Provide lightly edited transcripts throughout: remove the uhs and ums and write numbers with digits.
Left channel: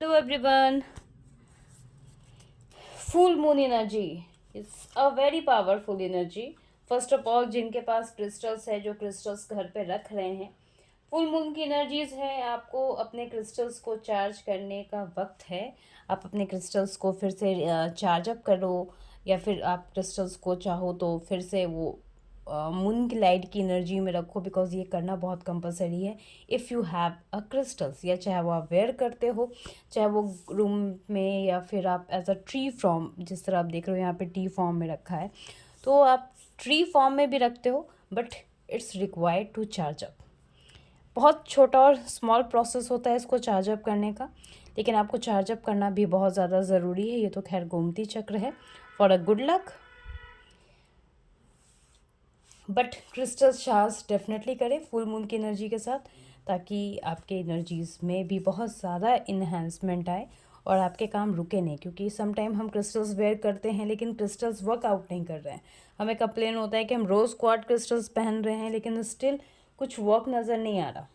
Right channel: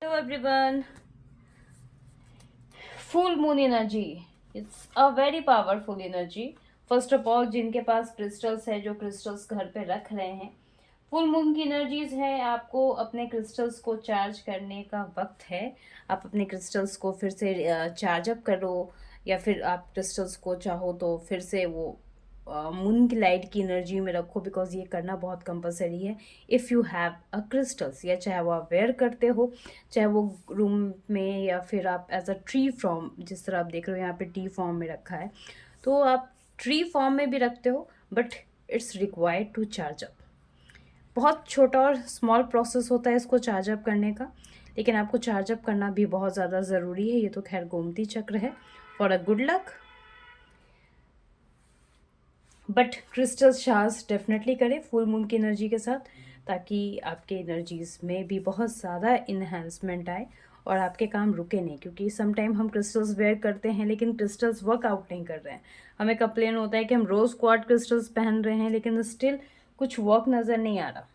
Hello everyone. Full moon energy. It's a very powerful energy. First of all जिनके पास crystals है, जो crystals घर पे रख रहे हैं, फुल मून की एनर्जीज है, आपको अपने क्रिस्टल्स को चार्ज करने का वक्त है। आप अपने क्रिस्टल्स को फिर से चार्ज अप करो, या फिर आप क्रिस्टल्स को चाहो तो फिर से वो मून की लाइट की एनर्जी में रखो, बिकॉज ये करना बहुत कंपलसरी है if you have a crystals. या चाहे वो आप वेयर करते हो, चाहे वो रूम में, या फिर आप एज अ ट्री फॉर्म, जिस तरह आप देख रहे हो यहाँ पे टी फॉर्म में रखा है, तो आप ट्री फॉर्म में भी रखते हो, but it's required to charge up. बहुत छोटा और स्मॉल प्रोसेस होता है इसको चार्ज अप करने का, लेकिन आपको चार्ज अप करना भी बहुत ज़्यादा ज़रूरी है। ये तो खैर गोमती चक्र है for a good luck, but crystal charge definitely करें फुल मून की एनर्जी के साथ, ताकि आपके एनर्जीज में भी बहुत ज़्यादा इन्हेंसमेंट आए और आपके काम रुके नहीं। क्योंकि सम टाइम हम क्रिस्टल्स वेयर करते हैं लेकिन क्रिस्टल्स वर्कआउट नहीं कर रहे हैं, हमें कंप्लेन होता है कि हम रोज़ क्वार्ट क्रिस्टल्स पहन रहे हैं लेकिन स्टिल कुछ वर्क नज़र नहीं आ रहा।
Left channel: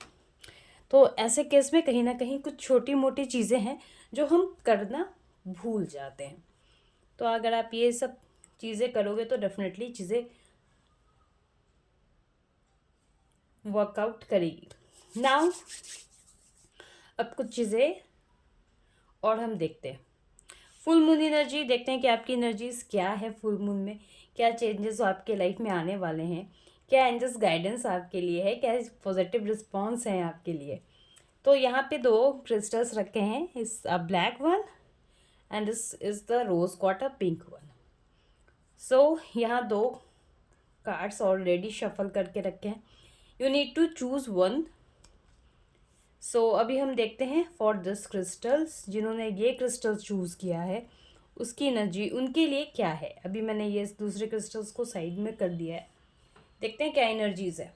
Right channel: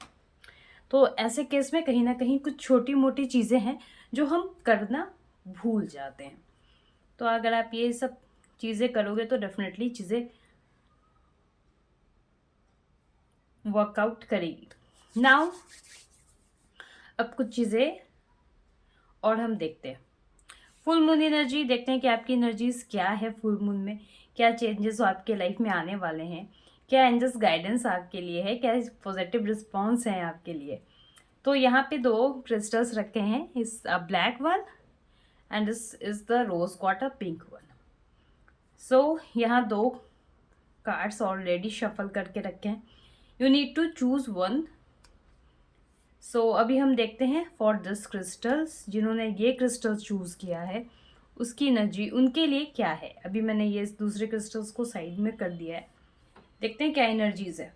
तो ऐसे केस में कहीं ना कहीं कुछ छोटी मोटी चीज़ें हैं जो हम करना भूल जाते हैं। तो अगर आप ये सब चीज़ें करोगे तो डेफिनेटली चीज़ें वर्कआउट करेगी। नाउ अब कुछ चीज़ें और हम देखते हैं। फुल मून एनर्जी देखते हैं कि आपकी एनर्जीज क्या है, फुल मून में क्या चेंजेस आपके लाइफ में आने वाले हैं, क्या एंजल्स गाइडेंस आपके लिए है, क्या पॉजिटिव रिस्पॉन्स है आपके लिए। तो यहाँ पे दो क्रिस्टल्स रखे हैं, इस black one and this is the rose quartz pink one. So यहाँ दो कार्ड्स ऑलरेडी शफल करके रखे हैं, you need to choose one. So अभी हम देखते हैं फॉर दिस क्रिस्टल्स, जिन्होंने ये क्रिस्टल्स चूज़ किया है उसकी एनर्जी उनके लिए क्या है। अभी मैंने ये दूसरे क्रिस्टल्स को साइड में कर दिया है, देखते हैं क्या एनर्जीज है।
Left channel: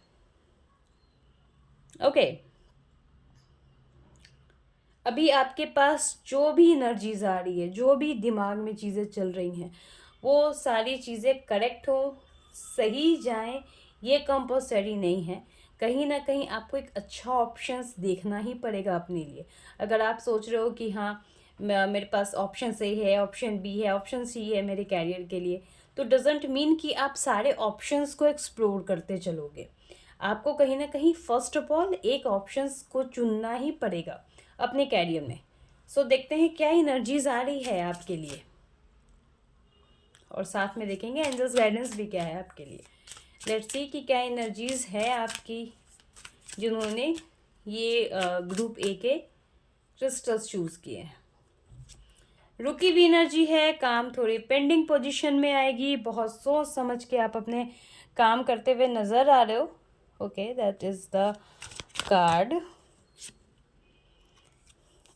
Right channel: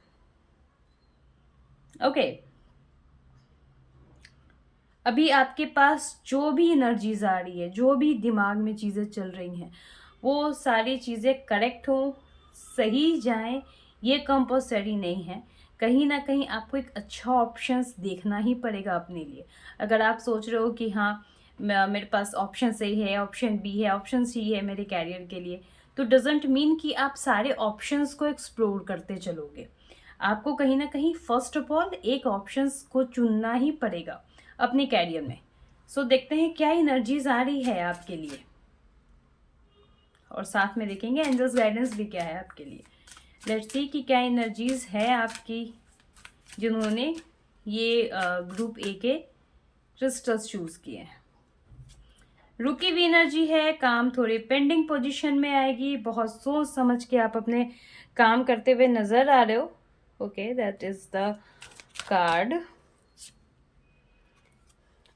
ओके अभी आपके पास जो भी एनर्जीज आ रही है, जो भी दिमाग में चीज़ें चल रही हैं, वो सारी चीज़ें करेक्ट हों, सही जाएं, ये कंपल्सरी नहीं है। कहीं ना कहीं आपको एक अच्छा ऑप्शंस देखना ही पड़ेगा अपने लिए। अगर आप सोच रहे हो कि हाँ मेरे पास ऑप्शन सही है, ऑप्शन बी है, ऑप्शन सी है मेरे कैरियर के लिए, तो डजेंट मीन कि आप सारे ऑप्शंस को एक्सप्लोर करते चलोगे। आपको कहीं ना कहीं फर्स्ट ऑफ ऑल एक ऑप्शंस को चुनना ही पड़ेगा अपने कैरियर में। सो देखते हैं क्या एनर्जीज आ रही है आपके लिए, और साथ में देखेंगे एंजल्स गाइडेंस भी क्या है आपके लिए। लेट्स सी कि क्या एनर्जीज है आपकी, जिन्होंने ये ग्रुप ए के क्रिस्टल्स चूज किए हैं। रुकी हुई एनर्जी है, काम थोड़ी पेंडिंग पोजीशन में आएगी, बहुत सोच समझ के आप अपने काम करते हुए नजर आ रहे हो। Okay that is the card.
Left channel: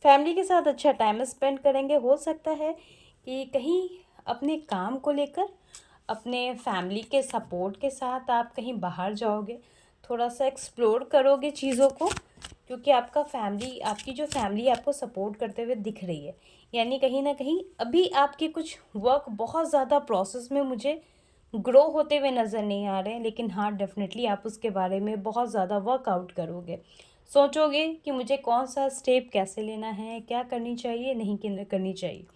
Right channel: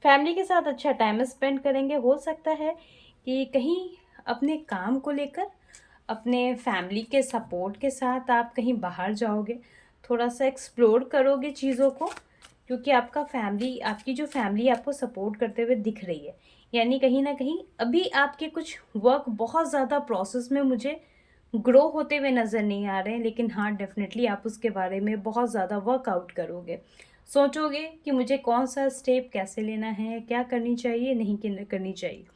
Family के साथ अच्छा टाइम स्पेंड करेंगे, हो सकता है कि कहीं अपने काम को लेकर अपने फैमिली के सपोर्ट के साथ आप कहीं बाहर जाओगे, थोड़ा सा एक्सप्लोर करोगे चीज़ों को, क्योंकि आपका फैमिली, आपकी जो फैमिली आपको सपोर्ट करते हुए दिख रही है। यानी कहीं ना कहीं अभी आपके कुछ वर्क बहुत ज़्यादा प्रोसेस में मुझे ग्रो होते हुए नज़र नहीं आ रहे हैं, लेकिन हाँ डेफिनेटली आप उसके बारे में बहुत ज़्यादा वर्कआउट करोगे, सोचोगे कि मुझे कौन सा स्टेप कैसे लेना है, क्या करनी चाहिए, नहीं करनी चाहिए।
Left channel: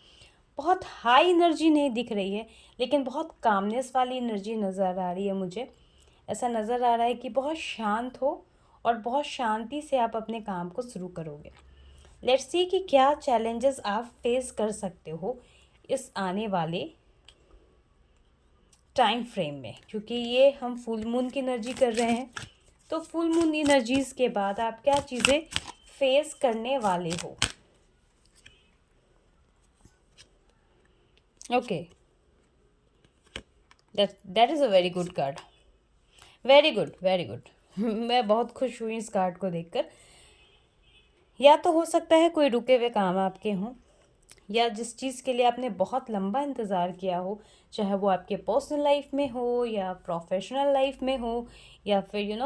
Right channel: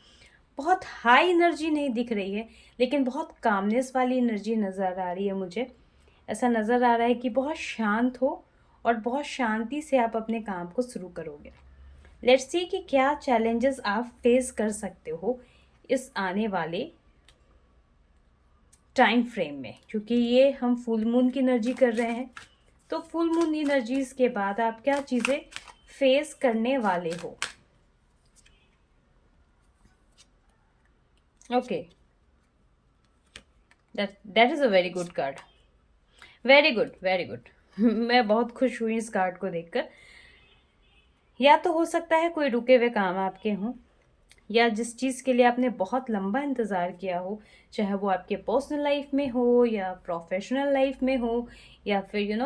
बहुत हाई एनर्जी नहीं दिख रही है, लेकिन बहुत कामनेस वाली एनर्जी नज़र आ रही है मुझे। ऐसा नज़र आ रहा है कि बहुत शांत हो और बहुत शांति से आप अपने काम को शुरू करोगे। लेट्स सी कि क्या चैलेंजेस आप फेस कर सकते हो इस आने वाले टाइम फ्रेम में, क्योंकि ये हम फुल मून की एनर्जी कर रहे हैं। तो फुल मून एनर्जीज के बाद आप क्या चीज़ें फेस करने वाले हो। Okay that is a very good card, very good very good. मैं बहुत खुश हुई इस कार्ड को देखकर। या तो हो सकता है कोई रुके हुए काम आपके हों, या जिस चीज़ के लिए आपने बहुत लंबा इंतज़ार किया हो, चाहे वो आपके पर्सनल लाइफ में हो या प्रोफेशनल लाइफ में हो, या फिर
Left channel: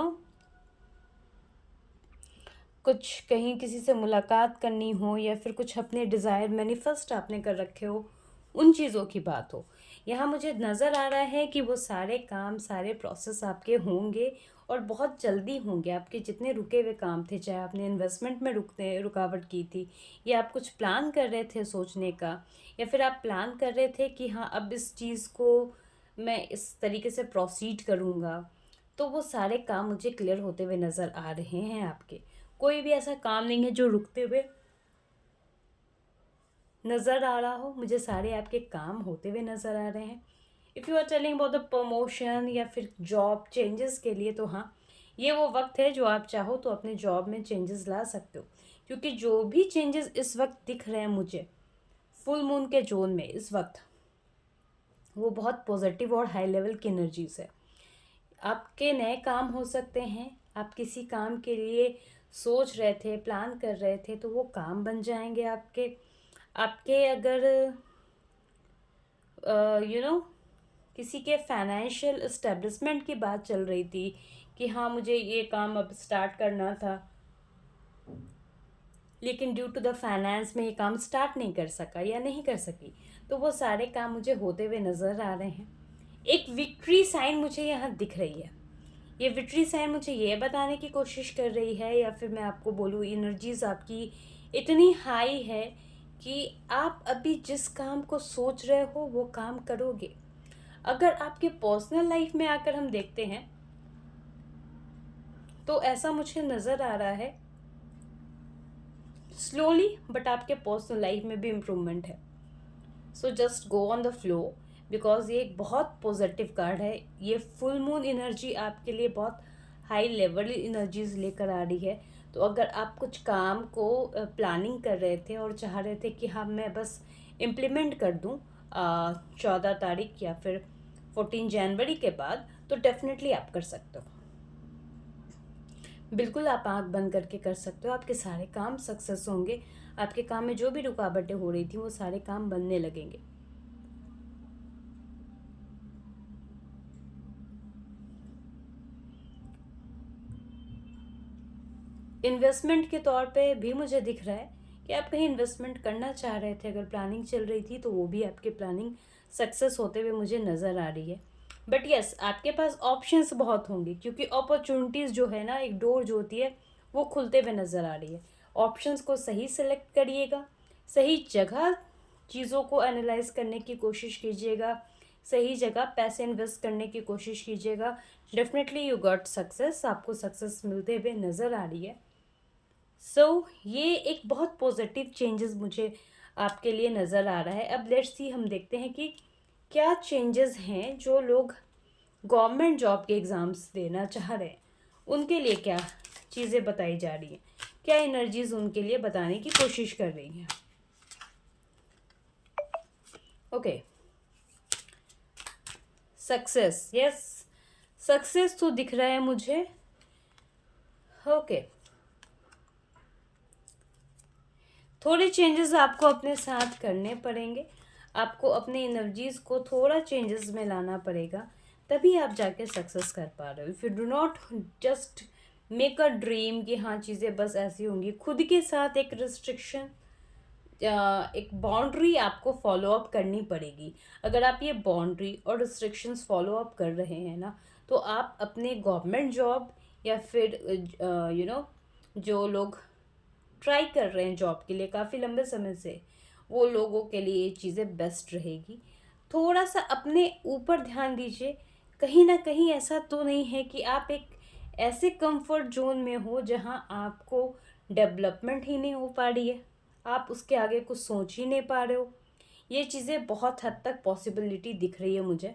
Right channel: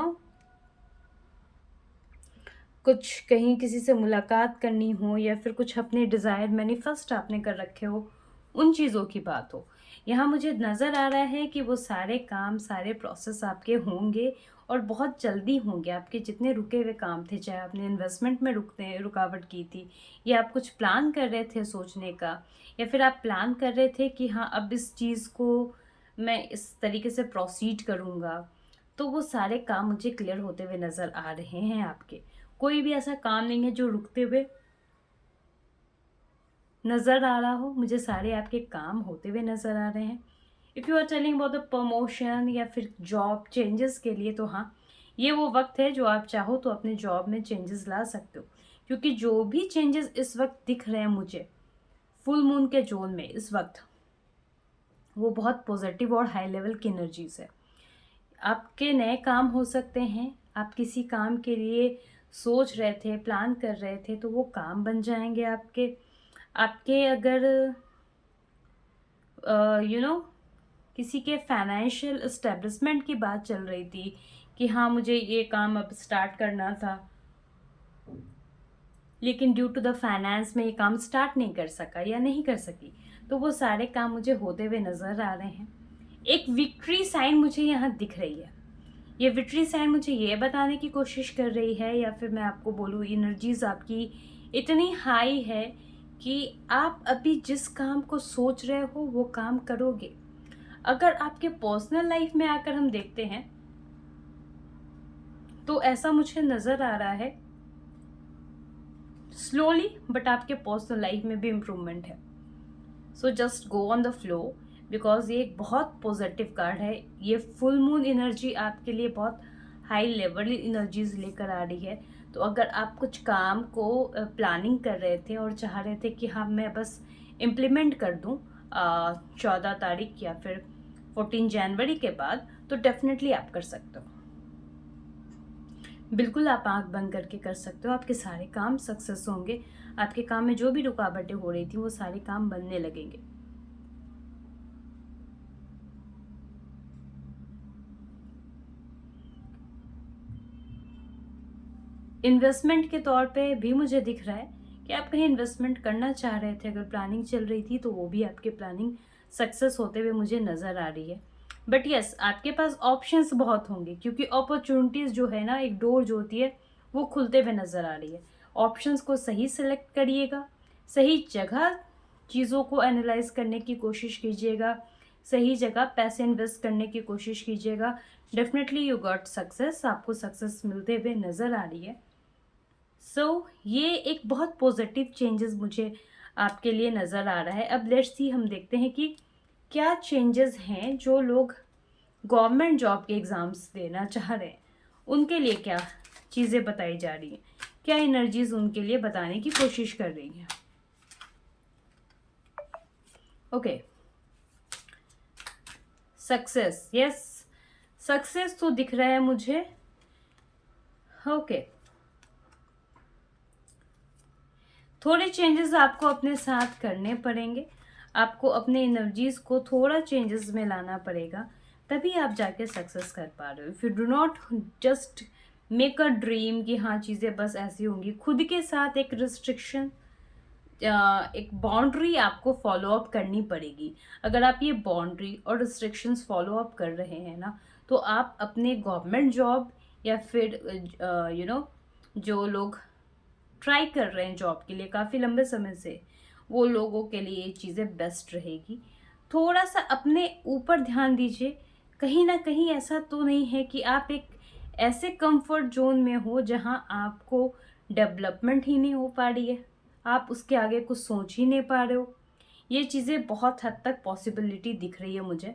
कुछ कहीं किसी से मुलाकात करनी हो, या फिर कुछ अपने डिज़ायर मैनिफेस्ट आपने कर रखे हो, उन चीज़ों की बात हो। यहाँ मुझे नज़र आ रहा है कि वो सारे काम, सारे प्रोसेस आपके होंगे और बहुत जल्दी होंगे। आपके जितने रुके हुए काम थे, चाहे आपने इन्वेस्टमेंट में रुकावट की थी, या आप कुछ प्लान कर रहे थे सोचने का, या फिर आप प्लान कर रहे थे कि हाँ अब इस चीज़ को मैं इस तरीके से प्रोसीड करूँगा, तो वो सारे काम मुझे क्लियर होते हुए नज़र आ रहे हैं आपके। कोई भी ऐसा काम नहीं है जो रुकते हुए नज़र आ रहा हो, मुझे सारे आपके काम होते हुए नज़र आ रहे हैं। If you are telling about the promotion या फिर जॉब चेंजेस के लिए, तो हाँ, ये वो वक्त है जो आप चाहो तो अपने जॉब में चेंजेस ला सकते हो, क्योंकि जो भी चेंजेस इस वक्त दिख रहे हैं मुझे फुल मून के जोन में इस वक्त, वो बहुत पॉजिटिव और हाई लेवल की एनर्जीज है। आपके नए काम हो सकते हैं, आप किसी काम के लिए सोच रहे थे, प्लान कर रहे थे, तो वो काम बन जाएंगे आपके। आपके अगर किसी के फाइनेंशियल इस्टेब्लिशमेंट की बात चल रही थी कि हाँ मुझे ये काम अब स्टार्ट करना था, लेकिन ड्यू टू द फाइनेंस में ये काम स्टार्ट नहीं कर सका या नहीं कर सकी, तो वो सारे काम मुझे होते हुए नज़र आ रहे हैं। एक विक्ट्री साइन मुझे यहाँ दिख रही है। ये विक्ट्री साइन मुझे ये बताने की कोशिश कर रही है, या फिर मैं आपको बोलूँ एनर्जीज आपकी इतनी हाई है कि आप अभी जिस काम को सोच रहे हो वो काम करोगे। अगर आपके पर्सनल लाइफ में आकर हम देखते हैं तो ऐसा मुझे नज़र आ रहा है स्लोली, बट आपके पर्सनल लाइफ में भी इम्प्रूवमेंट है। So just go on the flow, because ये एक बहुत पॉजिटिव कार्ड है। ये फुल मून एनर्जी आपके लिए बहुत हाई लेवल एनर्जीज लेकर आ रही है। तो अगर आप कुछ काम को प्लानिंग कर रहे थे और चाह रहे थे कि हाँ मैं बस इम्प्लीमेंट कर दूँ 14 तारीख या फिर 14 जनवरी के बाद, तो डेफिनेटली आप कर सकते हो। बिल्कुल आप आंख बंद करके कर सकते हो, आपके सारे काम सक्सेस होंगे। आपके काम में जो भी रुकावटें हो रही थी वो सारे काम बनने लगेंगे। इन्वेस्टमेंट के तौर पे भी मुझे दिख रहा है कि आप कहीं इन्वेस्टमेंट करना चाह रहे थे, अगर प्लानिंग चल रही थी तो वो भी आपकी प्लानिंग सक्सेस होते हुए मुझे नज़र आ रही है। बट यस, आपके पास ऑप्शंस बहुत होंगे, क्योंकि अपॉर्चुनिटीज़ जो है ना, एक डोर जो होती है वो खुलते हुए नज़र आ रही है। ऑप्शंस को सही सेलेक्ट करिएगा, सही जगह चीज़ों को एनालाइज करने की कोशिश कीजिएगा, सही जगह पैसे इन्वेस्ट करने की कोशिश कीजिएगा। डेफिनेटली यू गॉट सक्सेस, आपको सक्सेस मिलते हुए नज़र आ रही है। ये एक बहुत पॉजिटिव चेंजेस मुझे आपके लिए नज़र आ रहा है। अब लेट्स सी, हम देखते हैं कि क्या चेंजेस हैं जो लोग गवर्नमेंट जॉब के एग्ज़ाम्स देना चाह रहे हैं, उनके लिए क्या चीज़ें बताई जा रही हैं, क्या एनर्जीज उनके लिए बताने की कोशिश कर रही हैं। ओके, सक्सेस, यस, सक्सेस तो दिख रहा है मुझे। ओके, थोड़े चेंजेस आपको अपने साथ करने पड़ेंगे, आपको अपने एनर्जीज को थोड़ा चेंजेस में लाना पड़ेगा, तभी आप जाके सक्सेस कर पा रहे हो। If you do not just make a dream कि हाँ चीज़ें बस ऐसी होंगी, खुद के साथ एक रिस्ट्रिक्शन, एक बाउंड्री आपको फॉलो अप करनी पड़ेगी। अगर आप ये बाउंड्री और रिस्ट्रिक्शंस फॉलो अप कर रहे हैं ना, तो आप अपने गवर्नमेंट जॉब या फिर जो लोग ट्राई कर रहे हैं जॉब के लिए काफ़ी लंबे समय से, वो लोगों के लिए ये चीज़ें बेस्ट रहेगी। थोड़ा सा अपने ऊपर ध्यान दीजिए, कहीं ना कहीं ऐसा तो नहीं है कि आप एक ऐसे कंफर्ट जोन में हो जहां आपको डेवलपमेंट ही नहीं हो पा रही है, आप उसके आगे कुछ सोच ही नहीं पा रहे हो। ये चीज़ें बहुत हद तक पॉसिबिलिटी दिख रही है मुझे।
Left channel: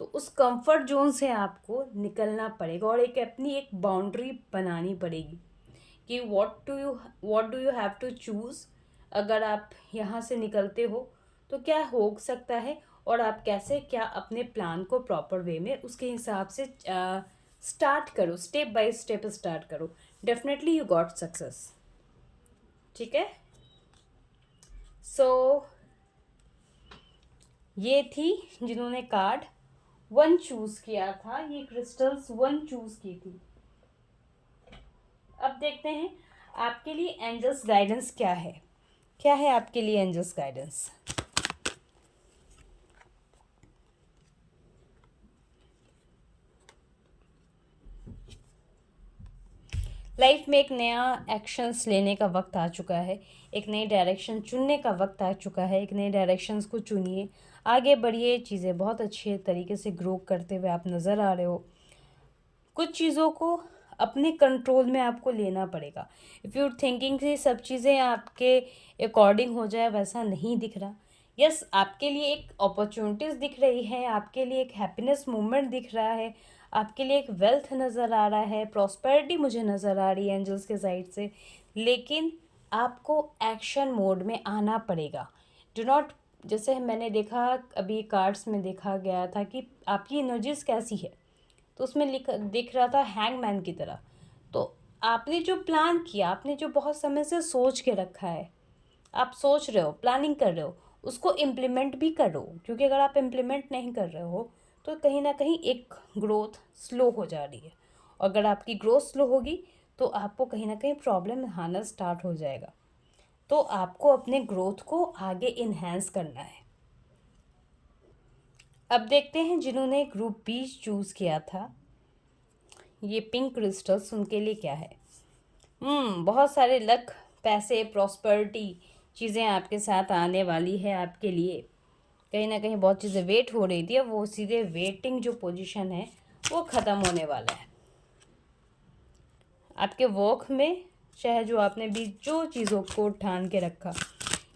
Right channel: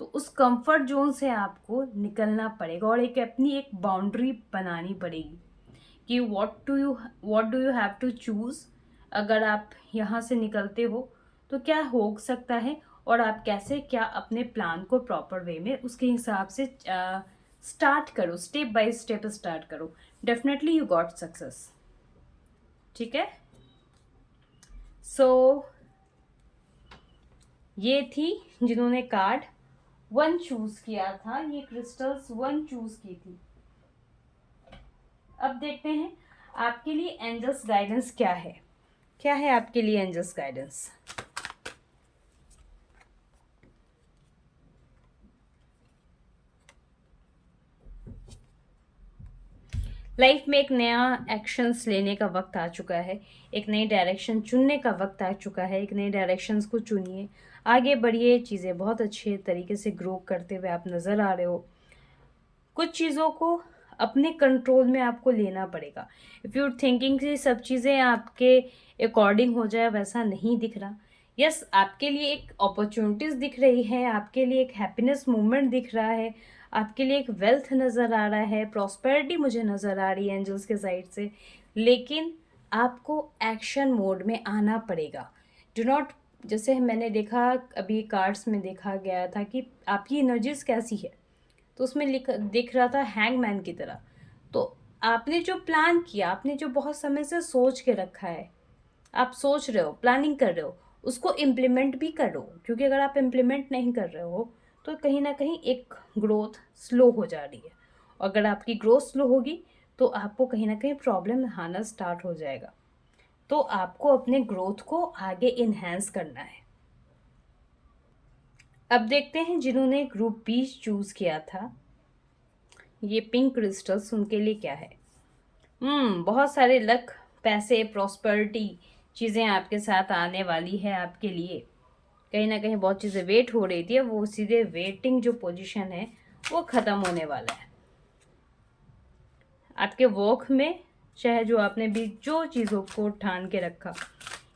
तो उस कंफर्ट जोन से आपको निकलना पड़ेगा और एक अपनी एक बाउंड्री बनानी पड़ेगी कि what do you have to choose. अगर आप यहाँ से निकलते हो तो क्या हो सकता है, और आप कैसे क्या अपने प्लान को प्रॉपर वे में उसके हिसाब से स्टार्ट करो, स्टेप बाय स्टेप स्टार्ट करो। Definitely you got success. ठीक है, सो ये थी जिन्होंने कार्ड 1 चूज किया था, ये क्रिस्टल्स 1 चूज की थी। अब देखते हैं आपके लिए एंजल्स गाइडेंस क्या है, क्या है आपके लिए एंजल्स गाइडेंस। लाइफ में एक नया एक्शंस लेने का वक्त आ चुका है, एक नई डायरेक्शन चुनने का वक्त आ चुका है। एक नई डायरेक्शंस को चुनिए, आगे बढ़िए, चीज़ें बहुत अच्छे तरीके से ग्रो करते हुए आप नज़र आ रहे हो। कुछ चीज़ों को अपने कंट्रोल में आपको लेना पड़ेगा। इफ़ यू थिंकिंग कि सब चीज़ें आपके अकॉर्डिंग हो जाए, वैसा नहीं दिख रहा। यस, आपके लिए एक अपॉर्चुनिटीज़ दिख रही है, आपके लिए एक हैप्पीनेस मोमेंट दिख रहा है, आपके लिए एक वेल्थ नज़र आ रहा है, प्रॉस्पेरिटी मुझे नज़र आ रही है एंजल्स के साइड से। लेकिन आपको एक्शन मोड में आना पड़ेगा। डू नॉट, जैसे मैंने देखा अभी कार्ड्स में देखा गया था कि आपकी एनर्जीज कैसी है, तो उसमें दिख रहा था हैंगमैन की तरह। तो आपने जो प्लान किया, आपने जो बहुत समय से सोच के रखा है, आप सोच रहे हो, प्लानिंग कर रहे हो, उसको इम्प्लीमेंट भी करो। क्योंकि अगर आप इम्प्लीमेंट नहीं कर रहे हो तो कहीं ना कहीं एक ग्रोथ स्लो हो जा रही है। और अगर आपकी ग्रोथ स्लो होगी तो आपको कहीं ना कहीं प्रॉब्लम आना स्टार्ट हो जाएगा। तो आपको अपने ग्रोथ को आगे इन्हेंस करना है। अब देखते हैं जिन्होंने ग्रुप बी चूज़ किया था, ये पिंक क्रिस्टल्स उनके लिए क्या है। बहुत सारे लक, पैसे, प्रॉस्पेरिटी चीज़ें आपके साथ आने वाली है आपके लिए। कहीं ना कहीं बहुत चीज़ें वेट हो रही थी, अब वो सीधे वेटिंग जो पोजीशन है वो ख़त्म होने वाला है आपके वर्क में। चाहे जो आपने भी जो चीज़ों को ठान के रखा,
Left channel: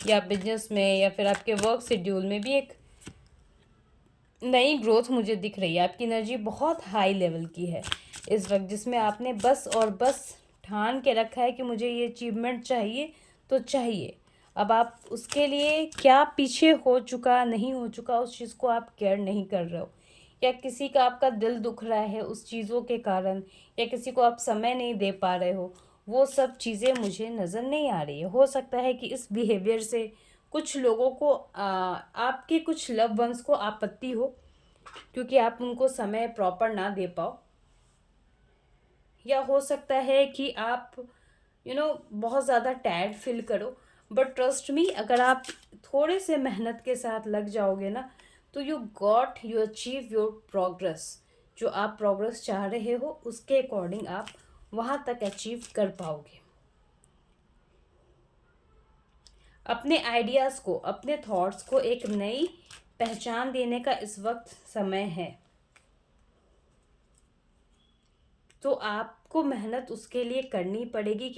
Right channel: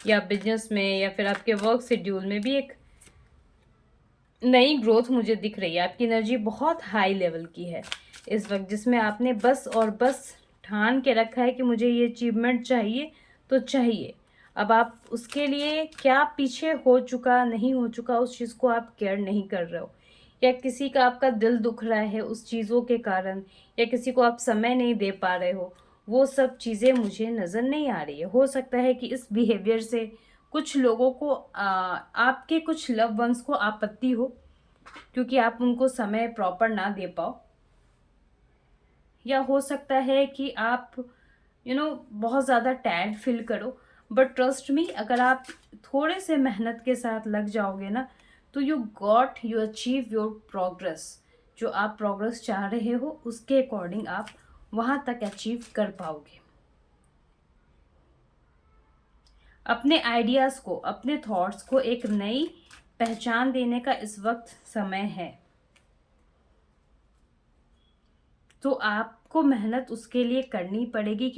या बिजनेस में या फिर आपके वर्क शेड्यूल में भी एक नई ग्रोथ मुझे दिख रही है। आपकी एनर्जी बहुत हाई लेवल की है इस वक्त, जिसमें आपने बस और बस ठान के रखा है कि मुझे ये अचीवमेंट चाहिए तो चाहिए। अब आप उसके लिए क्या पीछे हो चुका नहीं हो चुका, उस चीज़ को आप केयर नहीं कर रहे हो, या किसी का आपका दिल दुख रहा है उस चीज़ों के कारण, या किसी को आप समय नहीं दे पा रहे हो, वो सब चीज़ें मुझे नज़र नहीं आ रही है। हो सकता है कि इस बिहेवियर से कुछ लोगों को आपके कुछ लव वंस को आपत्ति हो, क्योंकि आप उनको समय प्रॉपर ना दे पाओ। या हो सकता है कि आप बहुत ज़्यादा टैड फील करो। बट ट्रस्ट मी, अगर आप थोड़े से मेहनत के साथ लग जाओगे ना, तो यू अचीव योर प्रोग्रेस। जो आप प्रोग्रेस चाह रहे हो उसके अकॉर्डिंग आप वहाँ तक अचीव कर पाओगे। अपने आइडियाज़ को, अपने थॉट्स को एक नई पहचान देने का इस वक्त समय है। तो आपको मेहनत उसके लिए करनी पड़ेगी,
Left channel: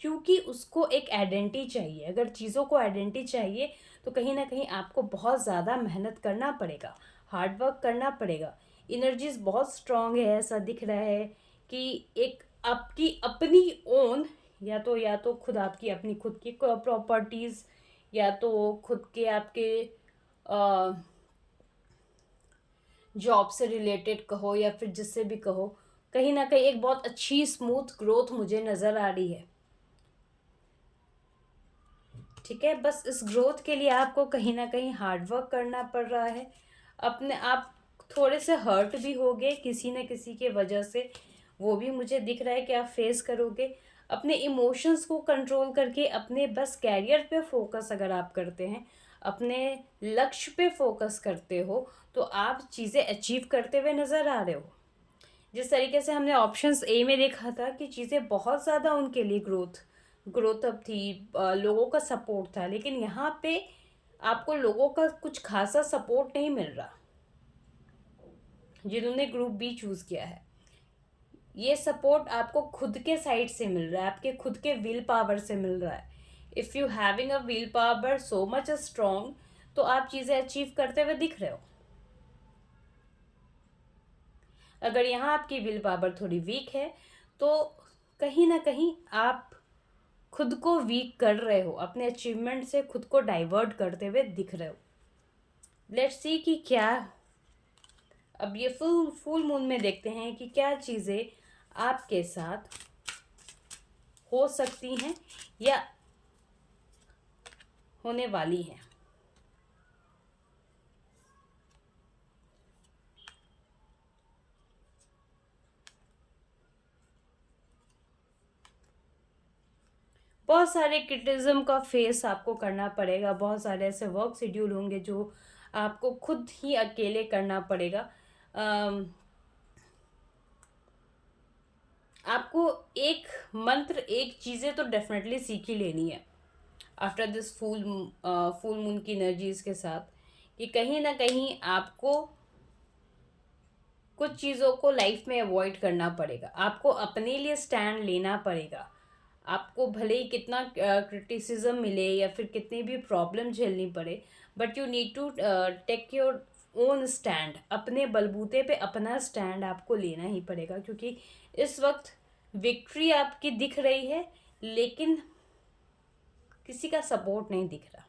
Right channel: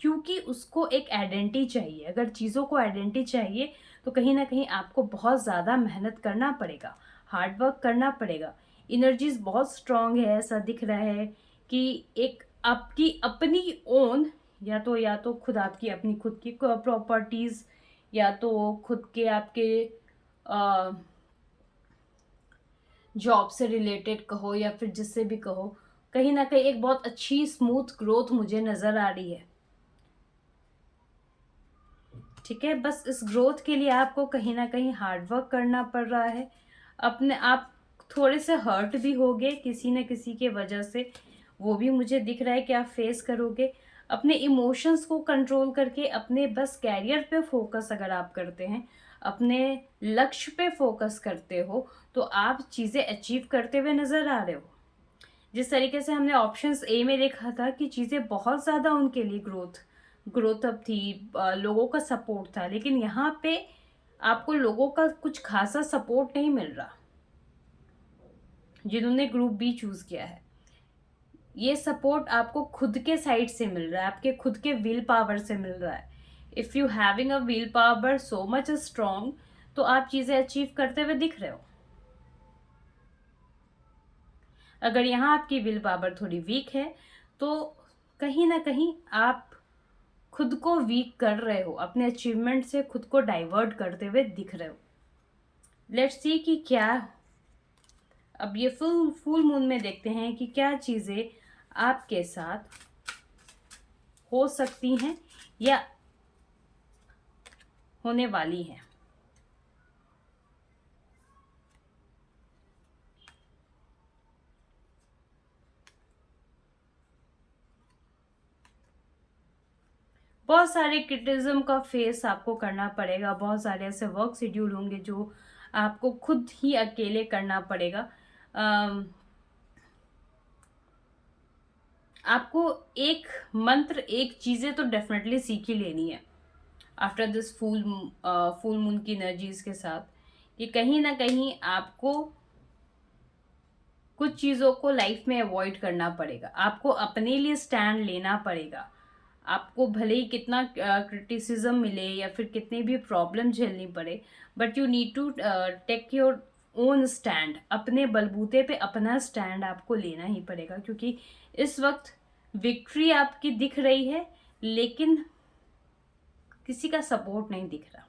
क्योंकि उसको एक आइडेंटिटी चाहिए। अगर चीज़ों को आइडेंटिटी चाहिए तो कहीं ना कहीं आपको बहुत ज़्यादा मेहनत करना पड़ेगा, हार्ड वर्क करना पड़ेगा। एनर्जीज बहुत स्ट्रांग है, ऐसा दिख रहा है कि एक आपकी अपनी ओन, या तो खुद आपकी अपनी खुद की प्रॉपर्टीज़, या तो खुद के आपके जॉब से रिलेटेड कहो या फिर जिससे भी कहो, कहीं ना कहीं एक बहुत अच्छी स्मूथ ग्रोथ मुझे नज़र आ रही है। ठीक है, बस इस ग्रोथ के लिए आपको कहीं ना कहीं हार्ड वर्क करना पड़ रहा है। अपने आप थोड़े से हर्ट भी होगे किसी न किसी के वजह से, वो भी मुझे दिख रहा है कि आप फेस करोगे। अपने इमोशंस को कंट्रोल करके अपने बस कैरियर पे फोकस अगर आप करते हैं, अपने लक्ष्य पे फोकस करते हो, तो आप चीज़ें अचीव करते हुए नज़र आ रहे हो। जिस तरीके से हमने ऑप्शंस ए में देखा था कि चीज़ें बहुत ज़्यादा उनके लिए ग्रोथ अप थी, लोगों का सपोर्ट था, लेकिन यहाँ पे आपको लोगों का कुछ खासा सपोर्ट नहीं मिल रहा। जिन्होंने ग्रुप बी चूज किया है, ये सपोर्ट आपको खुद के साइड से मिल रहा है, आपके खुद के विल पावर से मिल रहा है। If you having a will power so much strong, तो आप चीज़ें अचीव करते हुए दिख रहे हो। अगर यहाँ आपकी विल पावर थोड़ी वीक है तो कहीं ना कहीं आप खुद को वीक कर रहे हो, अपने अचीवमेंट से खुद को डाइवर्ट करते हुए दिख रहे हो। लेट्स सी कि क्या, अब ये फुल मून में देखते हैं कि क्या चीज़ें आपके साथ हो सकती हैं या होने वाली हैं। बहुत सारे क्रिटिज्म का फेस आपको करना पड़ेगा, बहुत सारे ऐसे वर्क शेड्यूल होंगे जो आपको खुद ही अकेले करना पड़ेगा। आपको एक मंत्र, एक चीज़ें तो डेफिनेटली सीख ही लेनी है आफ्टर दिस फुल मून की एनर्जीज के साथ, कि कहीं ना कहीं आपको कुछ चीज़ों को लाइफ में अवॉइड करना पड़ेगा, आपको अपने लिए स्टैंड लेना पड़ेगा। आपको भले ही कितना क्रिटिसिज्म मिले या फिर कितनी भी प्रॉब्लम झेलनी पड़े, but you need to take your own stand. अपने बलबूते पे अपना स्टैंड आपको लेना ही पड़ेगा, क्योंकि इस वक्त विक्ट्री आपकी दिख रही है, लेकिन किसी का सपोर्ट नहीं दिख रहा।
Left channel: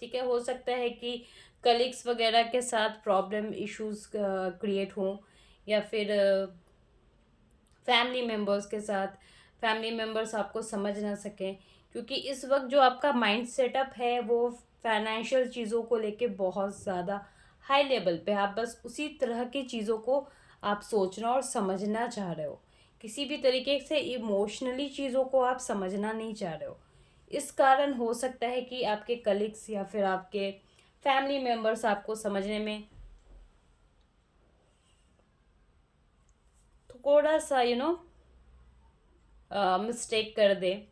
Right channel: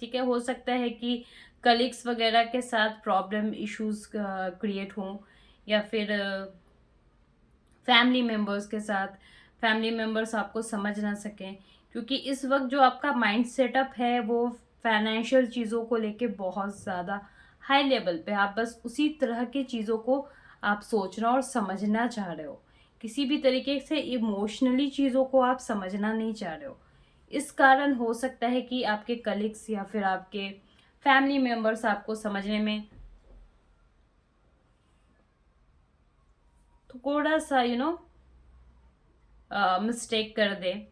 ठीक है, हो सकता है कि कलीग्स वगैरह के साथ प्रॉब्लम इश्यूज क्रिएट हों, या फिर फैमिली मेम्बर्स के साथ फैमिली मेम्बर्स आपको समझ ना सकें, क्योंकि इस वक्त जो आपका माइंड सेटअप है वो फाइनेंशियल चीज़ों को लेके बहुत ज़्यादा हाई लेवल पे, आप बस उसी तरह की चीज़ों को आप सोचना और समझना चाह रहे हो, किसी भी तरीके से इमोशनली चीज़ों को आप समझना नहीं चाह रहे हो। इस कारण हो सकता है कि आपके कलीग्स या फिर आपके फैमिली मेम्बर्स आपको समझने में थोड़ा सा मिस्टेक कर दे।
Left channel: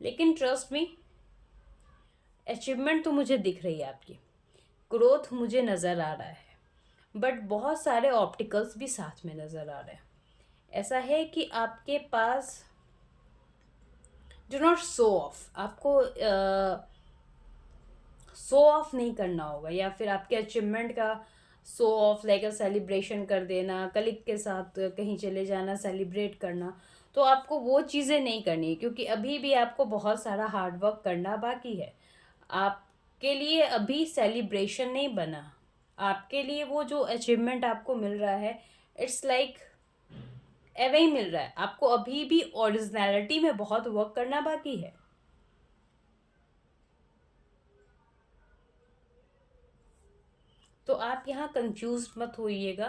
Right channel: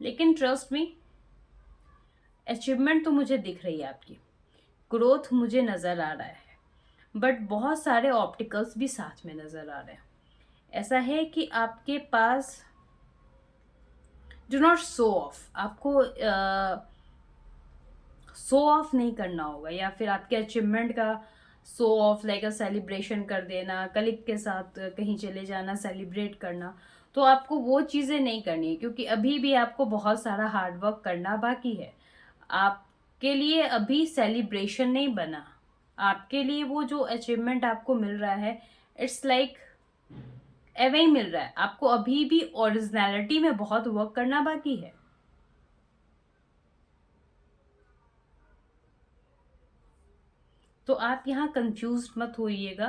लेकिन ट्रस्ट मी, अचीवमेंट तो मुझे दिख रही है, आपकी ग्रोथ मुझे नज़र आ रहा है, बट बहुत सारे ऑप्टिकल्स भी साथ में नज़र आ रहे हैं। ऐसा है कि आपके पास डू नॉट शो ऑफ, आपको शो ऑफ नहीं करना होगा, या फिर आपके अचीवमेंट का show off like a celebration कर देना, कलीग के साथ कहीं चले जाना, सेलिब्रेट करना। तो आपको वो चीज़ें नहीं करनी है, क्योंकि अभी भी आपको बहुत सारा हार्ड वर्क करना बाकी है। आपके लिए अभी सेलिब्रेशन नहीं बना, आपके लिए वो जो अचीवमेंट आपको मिल रहा है, इट्स लाइक एवे ही मिल रहा है। आपको अभी भी ओरिजिनलिटी में बहुत वर्क करना बाकी है। तो आप यहाँ कंफ्यूज मत होइएगा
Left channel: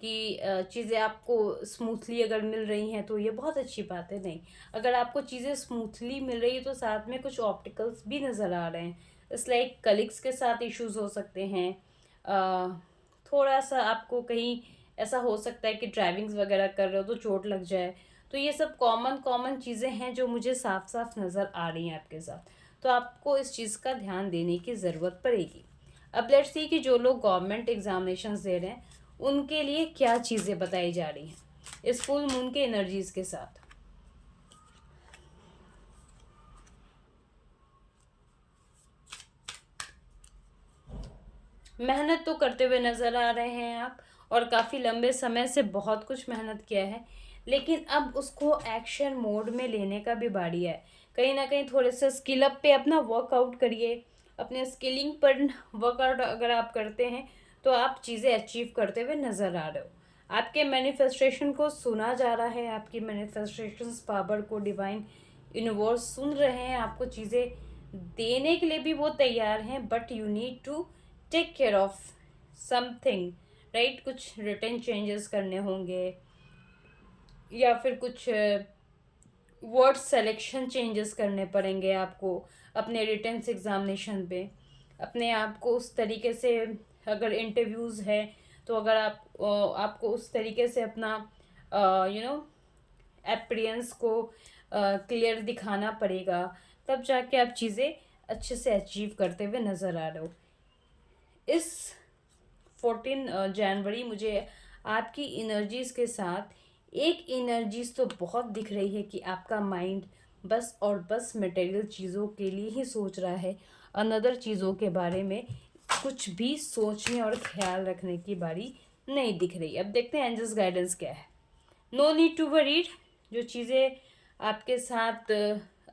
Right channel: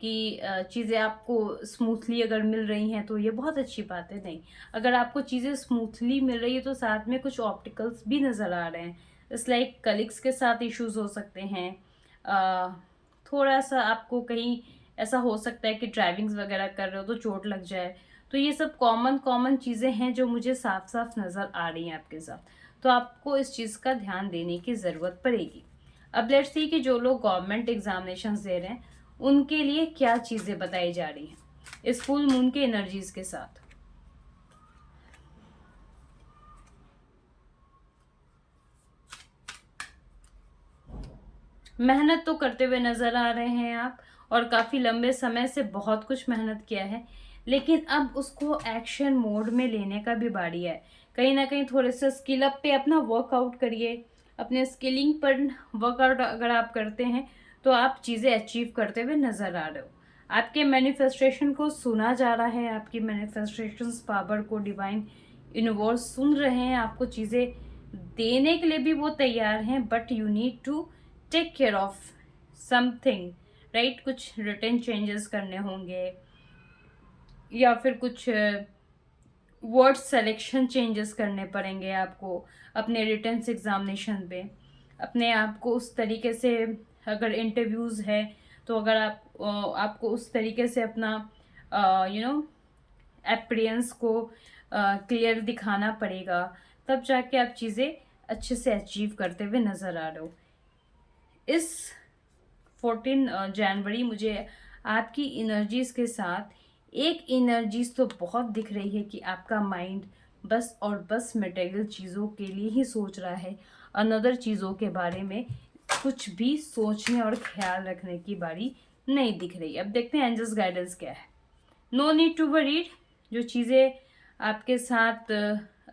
कि चीज़ें आपको स्मूथली अगर मिल रही हैं तो ये बहुत अच्छी बात है। नहीं, अगर आपको चीज़ें स्मूथली मिल रही है तो साथ में कुछ ऑप्टिकल्स भी नज़र आ रहे हैं। इट्स लाइक कलीग्स के साथ इश्यूज हो सकते हैं, थोड़ा सा आपको कहीं ऐसा हो सकता है कि ड्राइविंग्स वगैरह कर रहे हो तो चोट लग जाए। तो ये सब कॉमन कॉमन चीज़ें हैं जो मुझे साफ साफ नज़र आ रही हैं आपके साथ। तो आपको इस चीज़ का ध्यान देने की ज़रूरत पड़ेगी। अब लेट्स सी कि जो लोग गवर्नमेंट एग्जामिनेशंस दे रहे हैं उनके लिए क्या चीज़ें बताई जा रही हैं इस फुल मून के एनर्जीज के साथ। मेहनत तो करते हुए नज़र आ रहे हैं आप, और काफ़ी लंबे समय से बहुत कुछ मेहनत किया है, लेकिन अब उसको एक्शन मोड में लेने का भी बारी है। कहीं ना कहीं थोड़े से स्किल अप पे अपना वर्कआउट करिए, अपने स्किलिंग पर वर्कआउट अगर आप करते हैं तो आप चीज़ें अचीव करते हुए नज़र आ रहे हो। आपके मैनिफेस्टेशन को सुना जा रहा है, आपकी मैनिफेस्टेशन पावर को डिवाइन यूनिवर्स सुन रहे हैं, आपको चीज़ें देने के लिए भी वो तैयार हैं, but you need to take care of something, right. कुछ रिटर्न चेंजेस करने होंगे, या फिर कुछ वर्ड सिलेक्शन चेंजेस करने पड़ेंगे आपको अपने रिटर्न एग्जामिनेशन पे। अपने आप को उस तरीके से, अगर इंटरव्यूज़ है तो अगर आपको उस तरीके से अपना अपीयरेंस को क्लियर दिखाना पड़ेगा, तब जाके आप चीज़ें अच्छे से अचीव करते हुए नज़र आ रहे हो। इस 14 जनवरी मुझे आपकी एनर्जीज के साथ एक एनर्जीज तो बहुत दिख रही है कि आपका माइंड बस और बस मटेरियल चीज़ों के लिए ही सोच रहा है, अनदर चीज़ों के बारे में कुछ भी सोचने और ख्याल रखने की बारी नहीं दिख रही। अब देखते हैं एंजल्स गाइडेंस क्या है। नो नीड टू वरीड, जो चीज़ें आपके साथ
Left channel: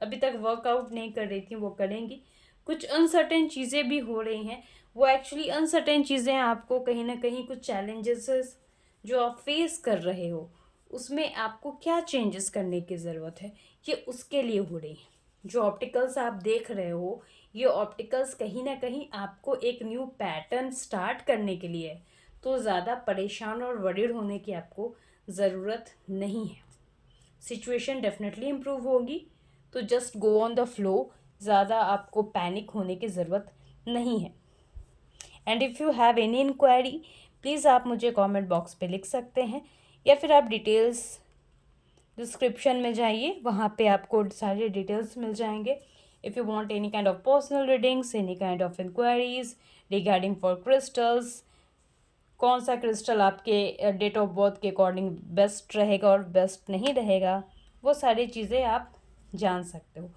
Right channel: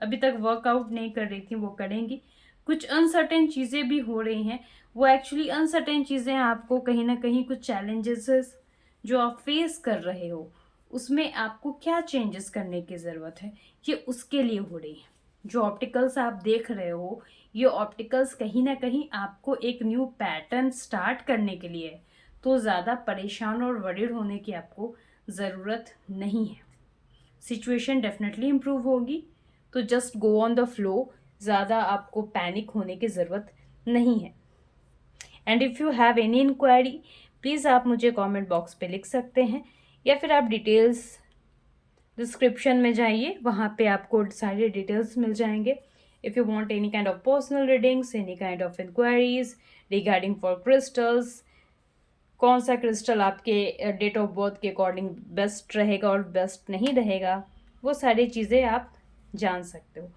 अभी तक वर्कआउट नहीं कर रही थी वो करेंगी। कुछ अनसर्टेन चीज़ें भी हो रही हैं, वो एक्चुअली अनसर्टेन चीज़ें आपको कहीं ना कहीं कुछ चैलेंजेस जो आप फेस कर रहे हो उसमें आपको क्या चेंजेस करने की ज़रूरत है, ये उसके लिए हो रही है। जो ऑप्टिकल्स आप देख रहे हो, ये ऑप्टिकल्स कहीं ना कहीं आपको एक न्यू पैटर्न स्टार्ट करने के लिए है। तो ज़्यादा परेशान और वरीड होने की आपको ज़रूरत नहीं है। सिचुएशन डेफिनेटली इम्प्रूव होगी, तो just go on the flow, ज़्यादा आपको पैनिक होने की ज़रूरत नहीं है। And if you have any inquiry, please आप मुझे कमेंट बॉक्स पे लिख सकते हैं, या फिर आप डिटेल्स डिस्क्रिप्शन में जाइए, वहाँ पे आपको सारे डिटेल्स मिल जाएंगे। If you want any kind of personal readings, any kind of inquiries regarding for crystals, कौन सा क्रिस्टल आपके डेट ऑफ बर्थ के अकॉर्डिंग बेस्ट रहेगा और बेस्ट नहीं रहेगा, वो सारी चीज़ें आप जान सकते हो।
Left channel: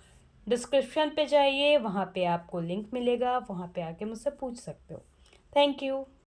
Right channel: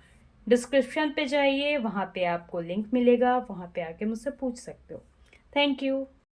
डिस्क्रिप्शन पे जाइए, वहाँ पे आपको लिंक मिलेगा, वहाँ पे आके मुझसे पूछ सकते हो। Thank you.